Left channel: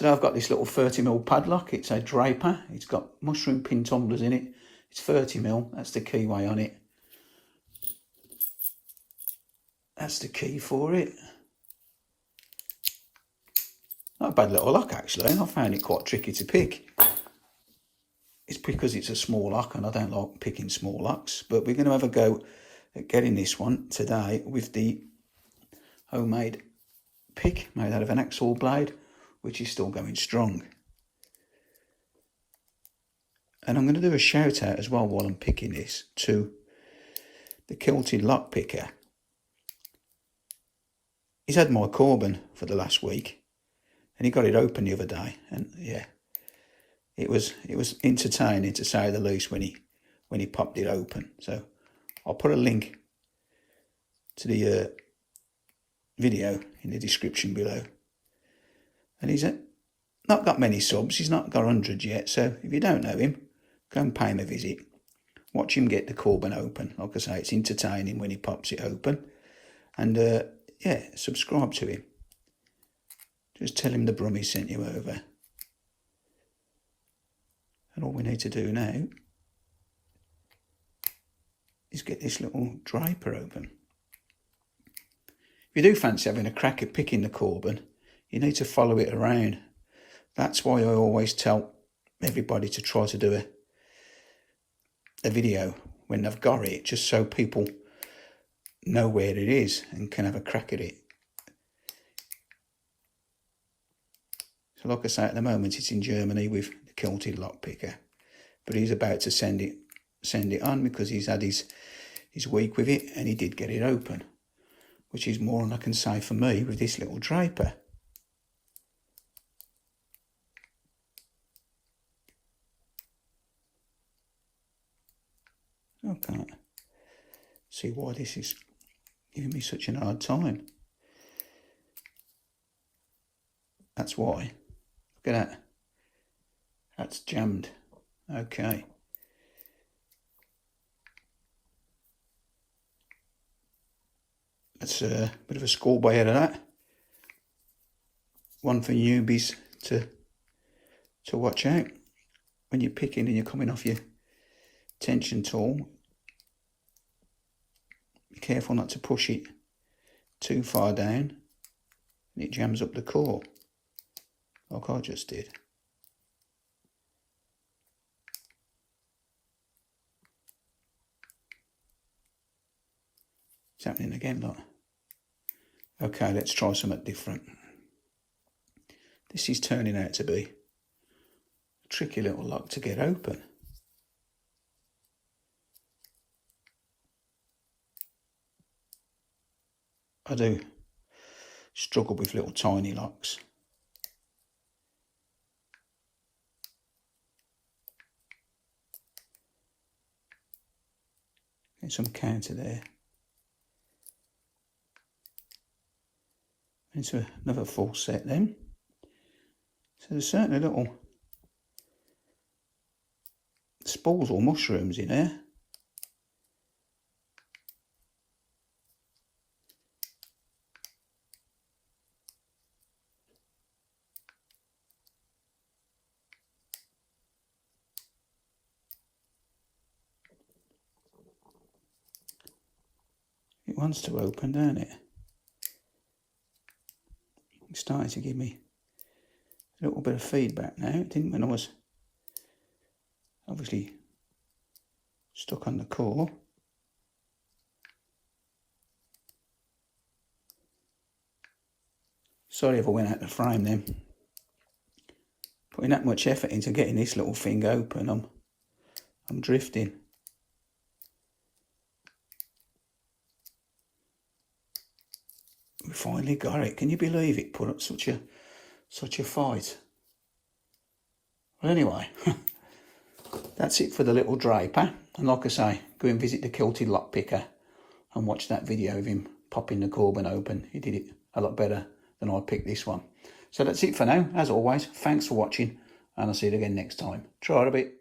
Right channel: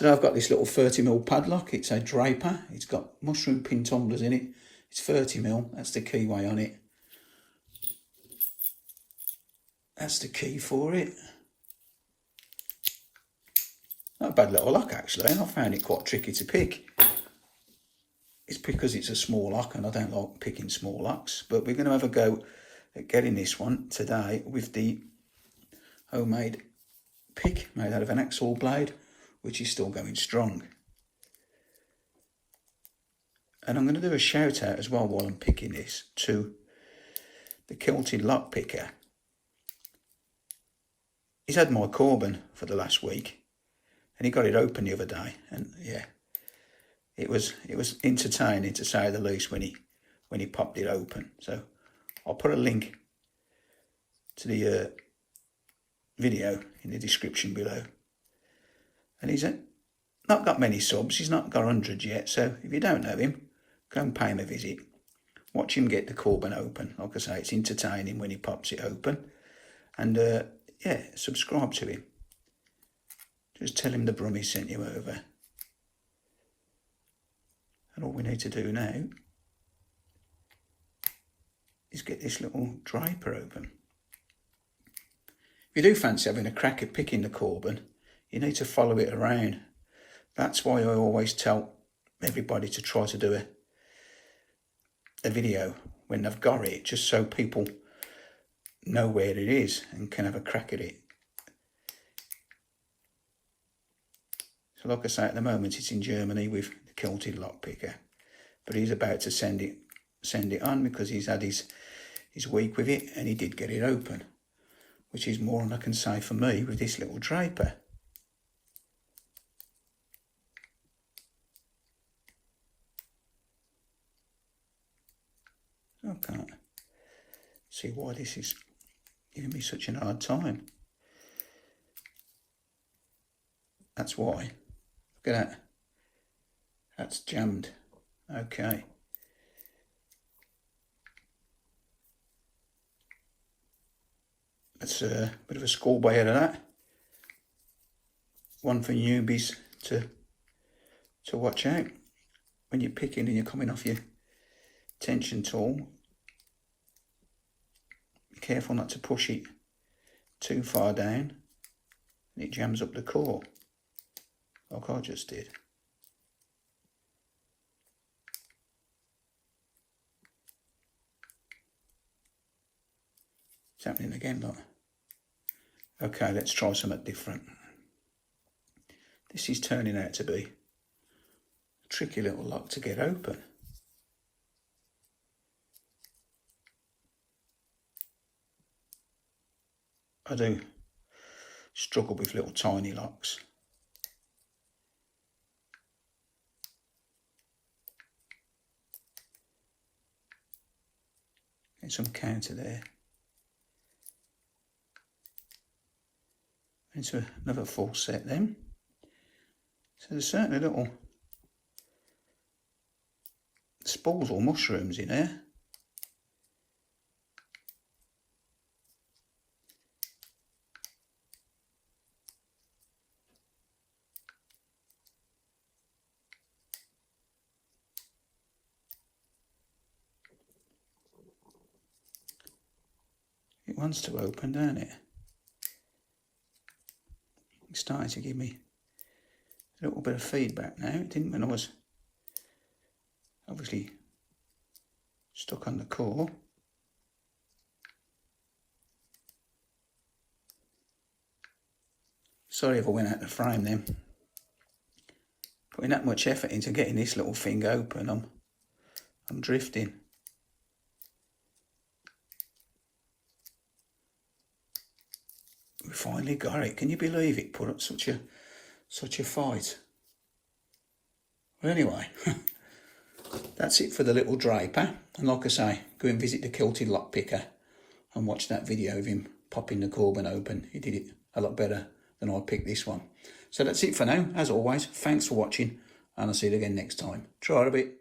So now I've got this little 30mm padlock. It's a Draper. It's got mushroom pin tumblers in it. It's 30mm. That's the keyway on it. That's the key for it. Not a bad little lock actually. I found it quite tricky to pick. It's because it's a small lock and I don't like picking small locks. But we're going to have a go at getting this one today with the homemade pick made out of an hacksaw blade, which is still going strong. And I'm going to do a shout out as well while I'm picking this to the Kilted Lock Picker. He's had my Corbin for the last week and he got it open the other day, and yeah, it was entertaining to say the least when he popped it open. So I'll put a link to the video in the description below. And he's not got many subs, he's not got 100 yet, so if you don't know him, go and pay him a visit. Watch him get the Corbin open. Like I say, it's entertaining when he pops it open. And yeah, subscribe to him. Just tell him the Brummy sent you over. And all we need to do now is get this little Draper open. If you do fancy having a crack at picking the Corbin, you need to follow it around. That's why I always tell everybody to try to do a video when they've got it, just so people know where it is and can have a crack at it. So like I say, at the moment it's in Germany with the Kilted Lock Picker, but he's about to send it on because he's had his week with it and he did get it open, which is more than I can say for me with this little Draper. I can't see why this is giving me such a hard time. That's why. Look at that. That's jammed. Okay. That's a bit of a schoolboy out of that. One for newbies to watch out. When you're picking and you're coming off your tension tool, be careful not to push it too far down and it jams up the core, like I just did. It's happening again, look. Okay, let's try something different. This is turning out to be a tricky little lock to get open. I do struggle with little tiny locks. Get some counter there. Into another full set then. So there's certainly little spores or mushrooms in there. It wants to open, doesn't it? It's starting to give me a little bit of feedback now. It didn't when I was obviously stuck on the core. Sorry if I went out the frame then. Putting that much effort into getting this little thing open, I'm drifting. We finally got it. Can you believe it? Put up such a fight. Well, anyway, that's it for the little Draper. And like I say, go and visit the Kilted Lock Picker and watch that video of him popping the Corbin open. He did it a lot better than I picked this one. So that's it for now. As always, thanks for watching, and I'll see you again next time. Try it a bit.